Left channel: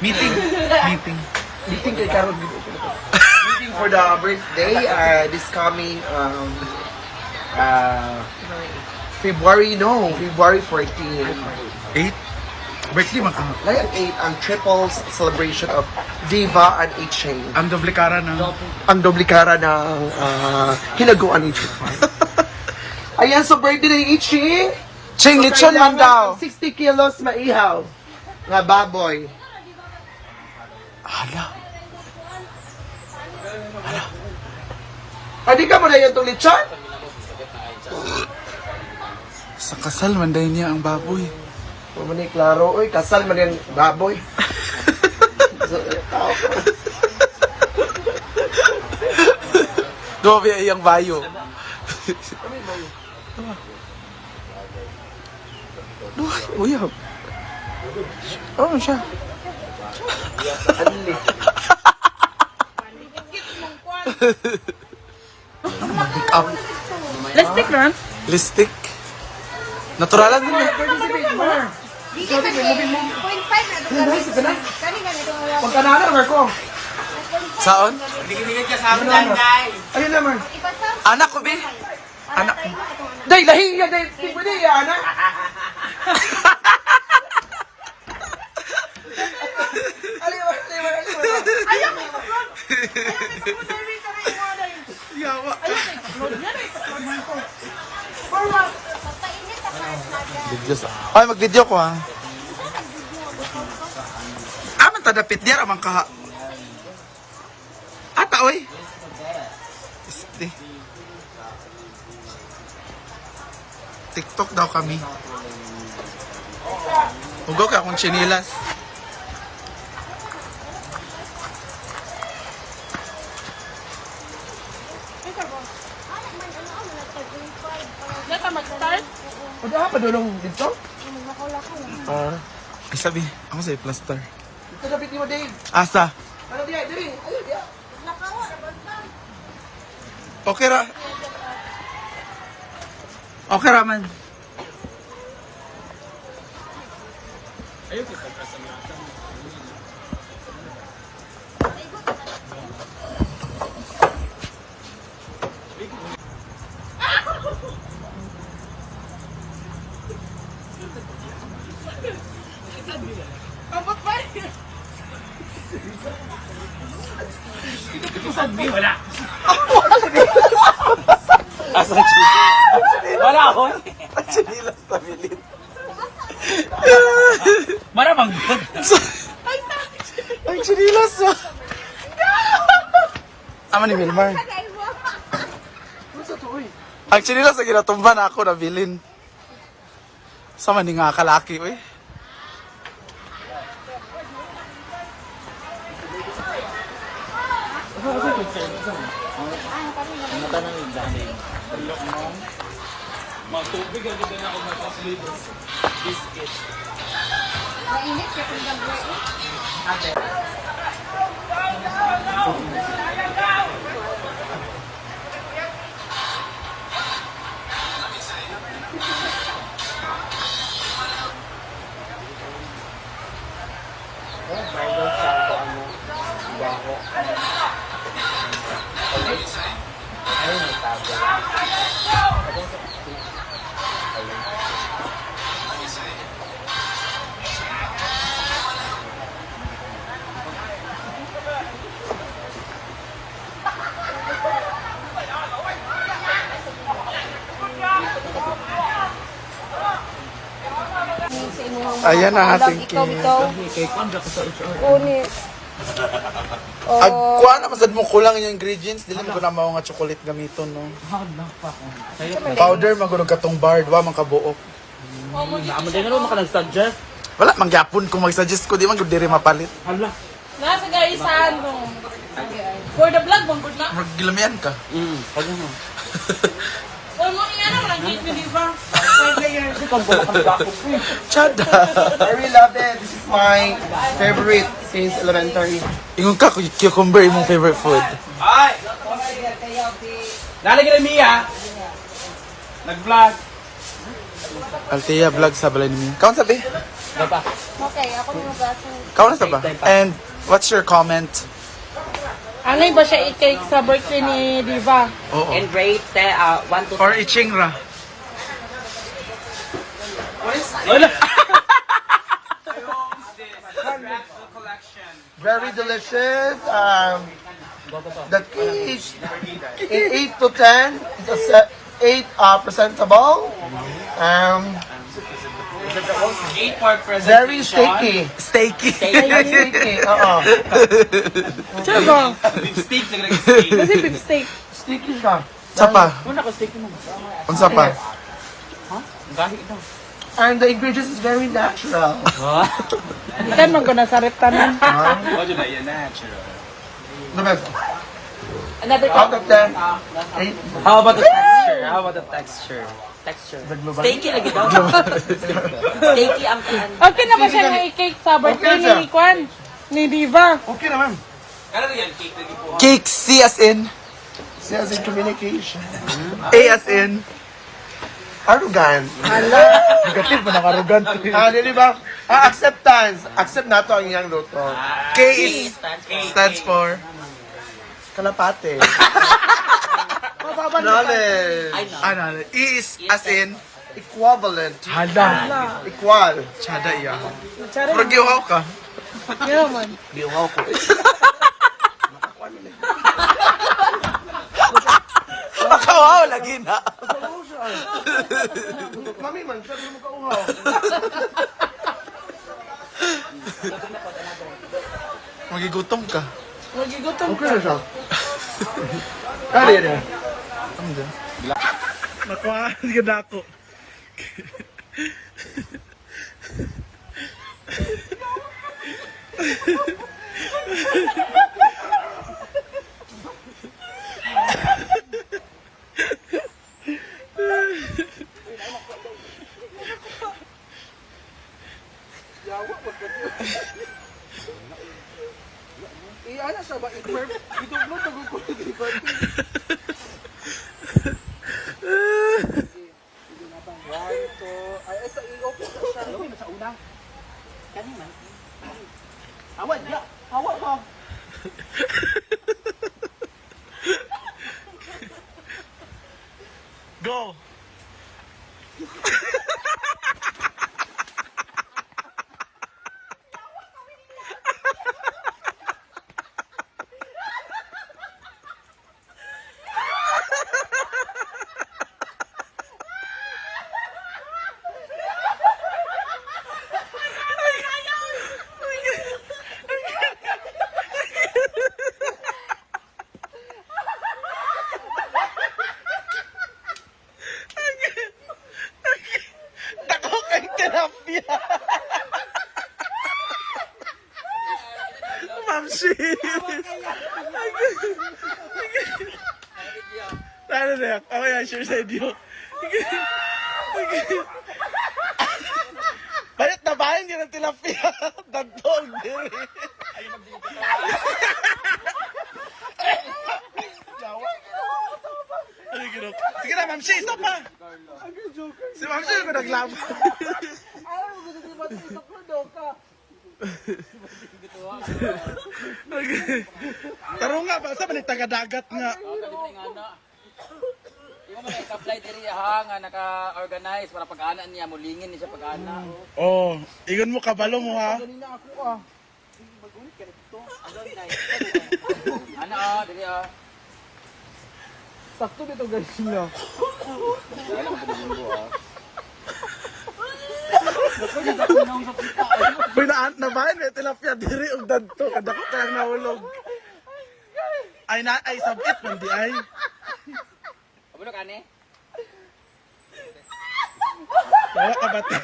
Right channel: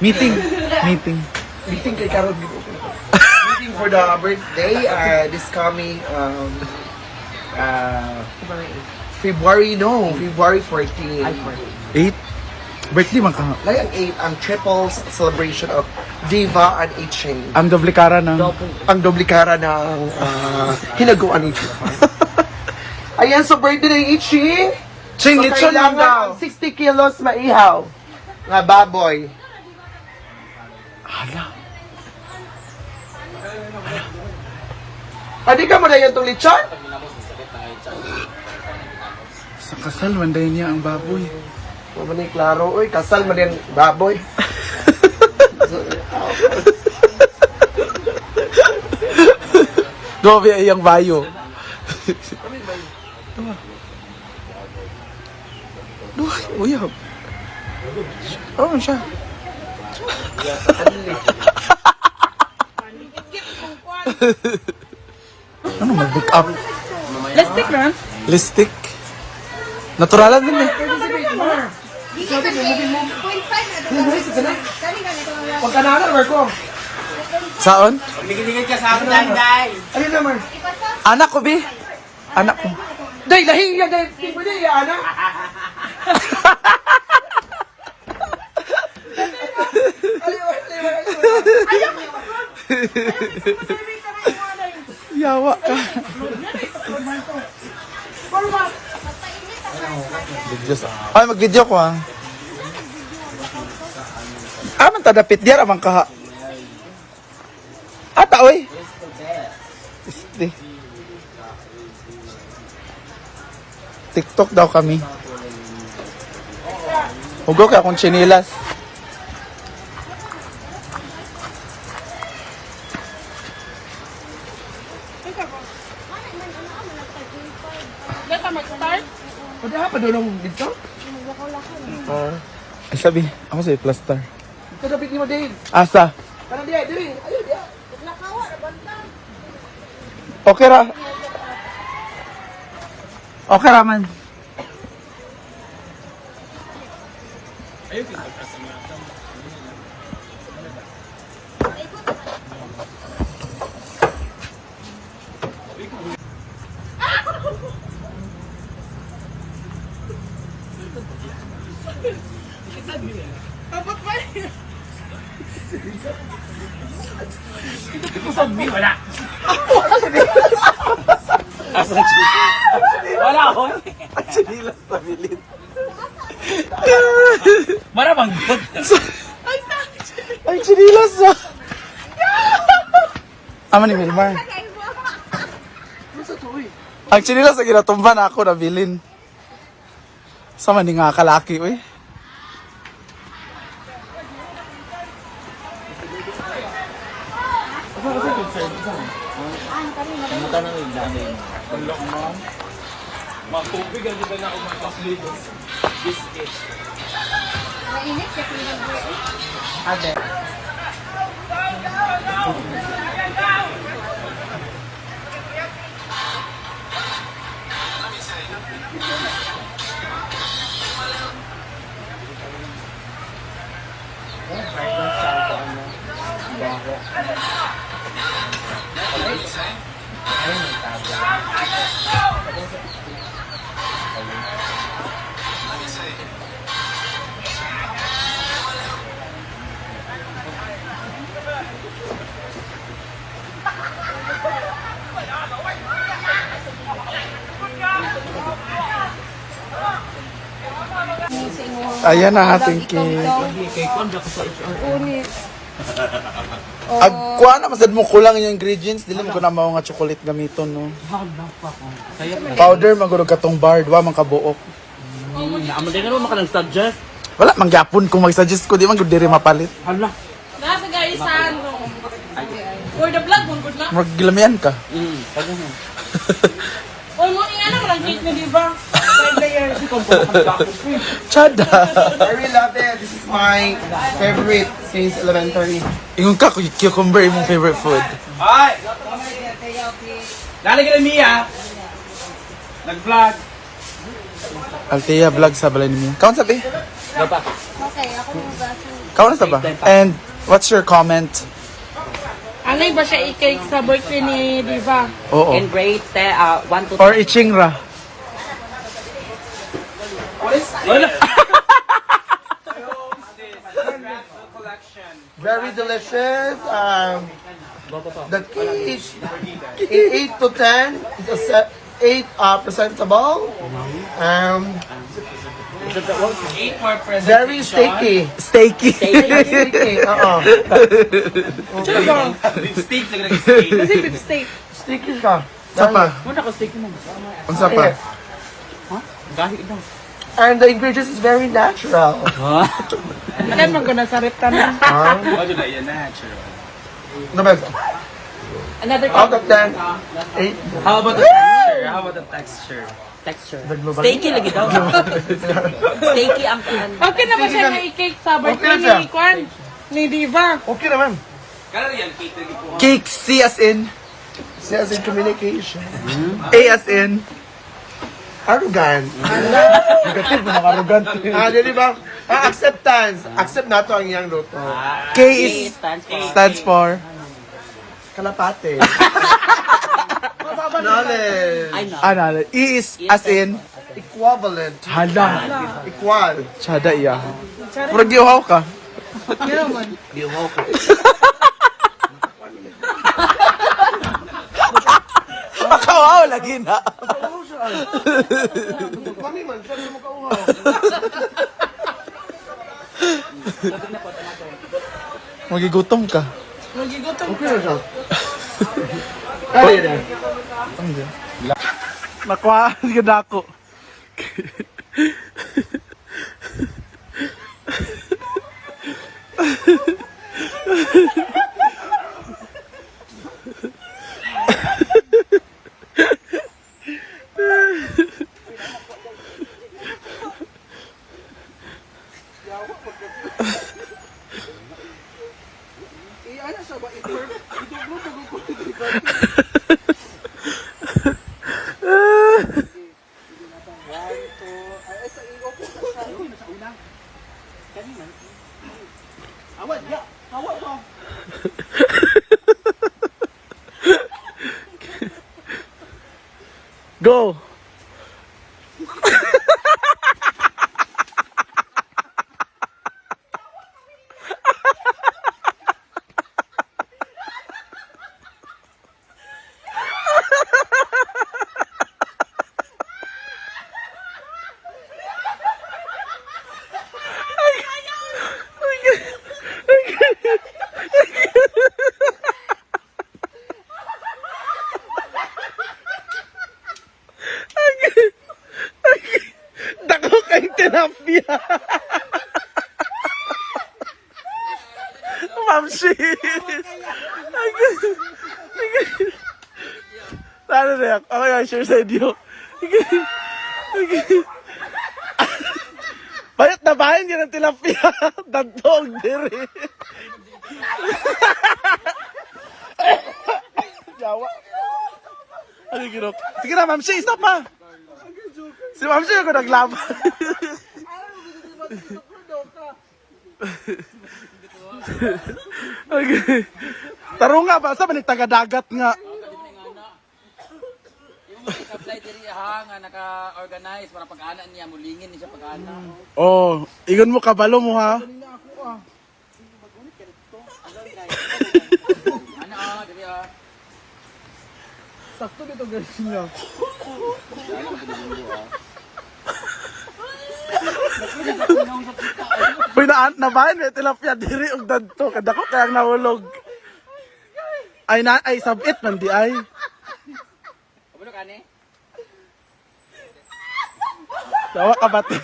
Meeting kay Karol dito. Meeting for the birthday this coming February 14. 8? Birthday man ka. Like ang 8 ang triple celebration of Diva and Iching. Ang doble kara ng... Ang doblikara ng hinaguan ni Iching. Ayan sa birthday ng Iching. Ching, lechon lang daw. 60 kilos maihaw. Nga baboy. Hala. Adi ka mo na yan itong lechon? Sa kasal, manday niya ang baboy. Mamani, klaro. Uy, kasal man yan baboy. Grabe ay ang bayo. Uy, oh, siya. Ano, mag-make up? Lipstick na? Lipstick? Naturalan din eh. Pagkanana naman ko. Saon? Ligid ka sa amin, Day. Ayun naman. Anak ko, Bi. Anak ko. Day, lahi yan, Day. Hindi mo din, ana. Yawa ka. Video sa... Ay, mag-video ko ha. Man tadapit diyan amang kaha. Ata, oy. Este. TikTok daw kami. Hugo ka akong chinilas. Diyan ka mag-start? O, di pa doon ang dito? Ay sabi, ako sa'yo plaster. Ito dapit mo, Day. Asa? Ano diya, Day? Ayun, diya. Okay ra. Okay ra man. Abot ba? Wala. Asa chinilas? Wala ako. Chinilas tabilin. Marabang good. Ay, chinilas ah. Ama ni Wilmar. Ang chinilas na ginatumba na ako nabilin. Sama ni nga kalaki, uy. Ayan na ating cake. Agkuha na masad mo kulang yung ingredients, dili mo ko na mao nga chocolate gamiton no. Powder magurog katong bar, wa man kabuok. Amadali mo maka-suggest? Wala mangyapon kung mag-suggest ko di man gud diri mapalit. Hala. Nga sa guys, ano? For the vlog, good na. Maggilamian ka. Pagano mo. O mo, ingana mo lang cake mo, di ba? Chada. I really love it. This is my favorite since elementary. Ingon ka cucumber imong favorite food. Ay! Lalagyan ng Mia. Nag-vlog. Althea vlog sa balay niya. Kaon sabi? Okay, ako magbasa. Kaon sa ba? And what's your comment? Ano ba siya i-cake sa birthday ni Diva? Oo. And rate 1 to Or Ichingra. Very delicious. The cake in 8 to 10 is a 8 presentable. Very sticky. Steaky. Very sticky. Kasi big steak. Sticky ka. Sa pa? Unsa pa? And the ingredients is very natural. Hindi mo ka nasa reptan. The best. Another Out of 10, 8. How about the texture? How about the texture? Texture. Steaky lagi daw. Steaky ang Okay na ba siya na i-cake sa birthday Okay, ni Kwan? Ni Diva? Okay naman. Cake C as in. Says in communication. A as in. Arrogant. Negative mo nakarugan. Di ba? Acceptance. Accept na to ang iyang luto. K is stands for. Kalapate. Knowledge. Ano? E is as in. Equivalent. Hala. Equal. Sada iya. Pero giuhaw ka. Giuhaw ko. Makawaw lagi na. Mami man, saan mo kauhaw? Magigutom ka. Okay na siya. Kali na. Ano dyan? Nakuha. Sige na ako. Go! Dako kay tilapia. Mamsi. Ano na yan? Ako yung share sa inyo. Bayat na bahin yun ang tilapia. Dagtong diri. Sige na, Mamsi, stop ma. Si Mamsi ako naglaban. Okay. Taro nga ba? Sa balik taga-dagat nga. apply diri ha nga naka-organize para pag-ana niya mulingin niya sa pag-ana. Oh, igon mo kabalo mo ha. Ana diri ah. Sakto dito guys no. Pinaan na ba ni tilapia diri og dadto kadako kaya nahulog. Ay na ay sabit man di ay. Abulok ani? Dawa ka bate.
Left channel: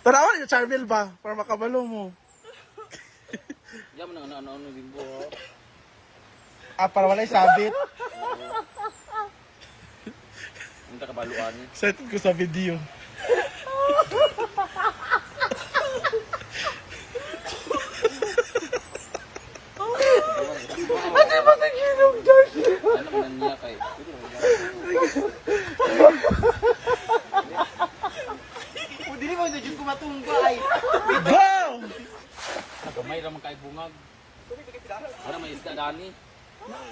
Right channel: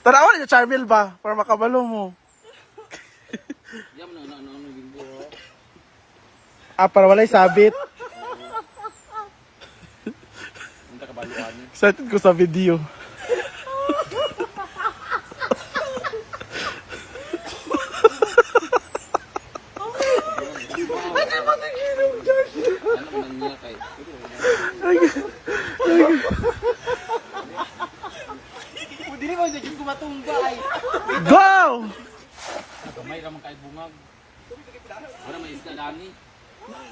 Tarawan yung Charmel ba? Para makabalo mo. Diyan mo na ano bimbo. Para walay sabit. Minta kabaluan. Started ko sa video. Dili mo jud ko matumba ay. Go! Nagamay ramang kay bungag. Ano may isda dani?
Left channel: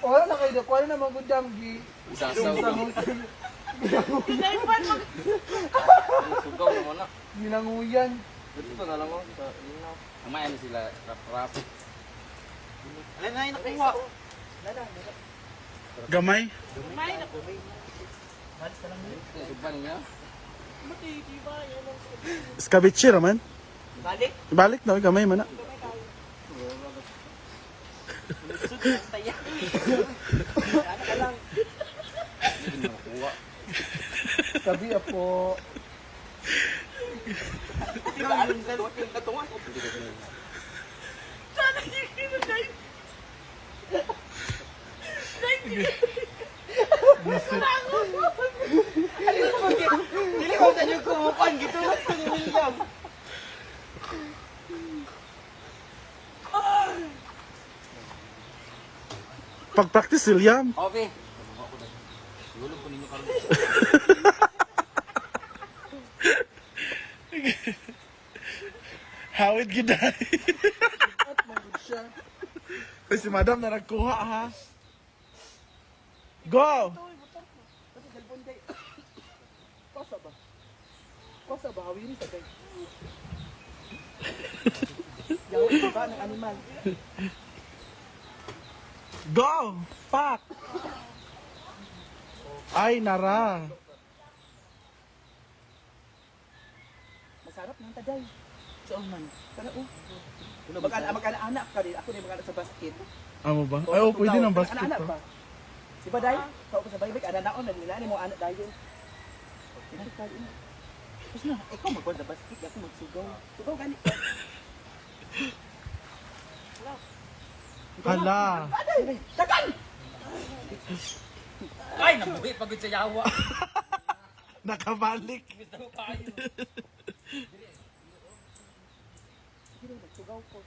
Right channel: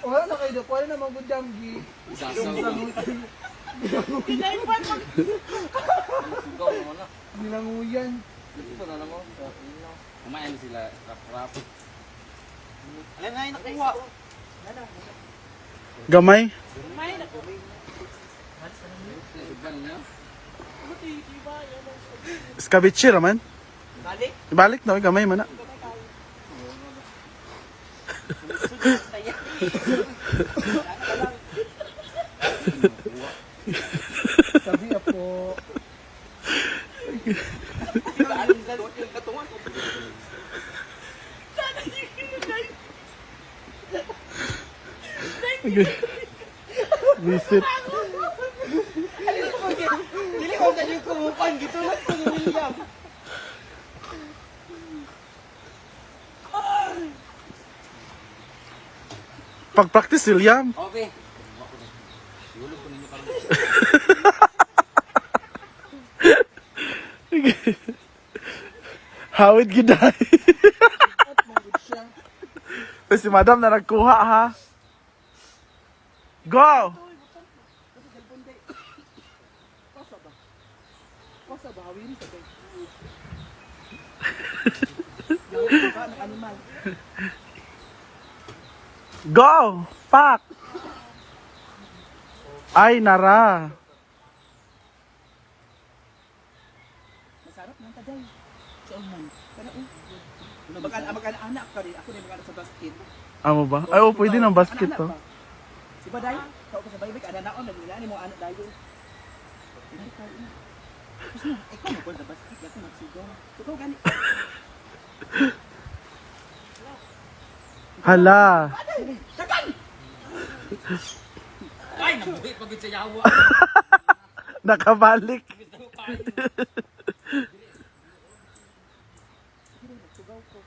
Oh, na kay dapat na magundang gi. Isasaw ka. Sugaw naman na. Nilanguyan. Dito na lang mo. Kumain sila rap-rap. Alam na nakuha. Gamay. Sugan niya. Skabitsi raman. Balik. Ibalik na, gamay man na. Sabi ako. Visit. Dili mo sa yung kumupan gitulad ko ni William. Pag-practice, William. Okay. Lulog ko ninyo karon. Hawid giday. Si madam na nagkuha ha. Go! Kosa ba hawiri sa kay. Go! Pak! Ay, nara. Masarap nang taday. Sa uman. Kana oh. Mag-anak ka din. Ako din mag-anak sa basket. Amo ba? Ay, oh, pwede ng basket to. Si Baday, kao pa sa baybay, ana-naon, nagnilaan mo anak dayo. Pinagkal ina. Tapos na, ikaw mag sa basket, ako magsugaw. Sugaw gani. Hala. Tagan! Ay, nabuhi pagod sa yawa. Nakabalik. Sugaw ko.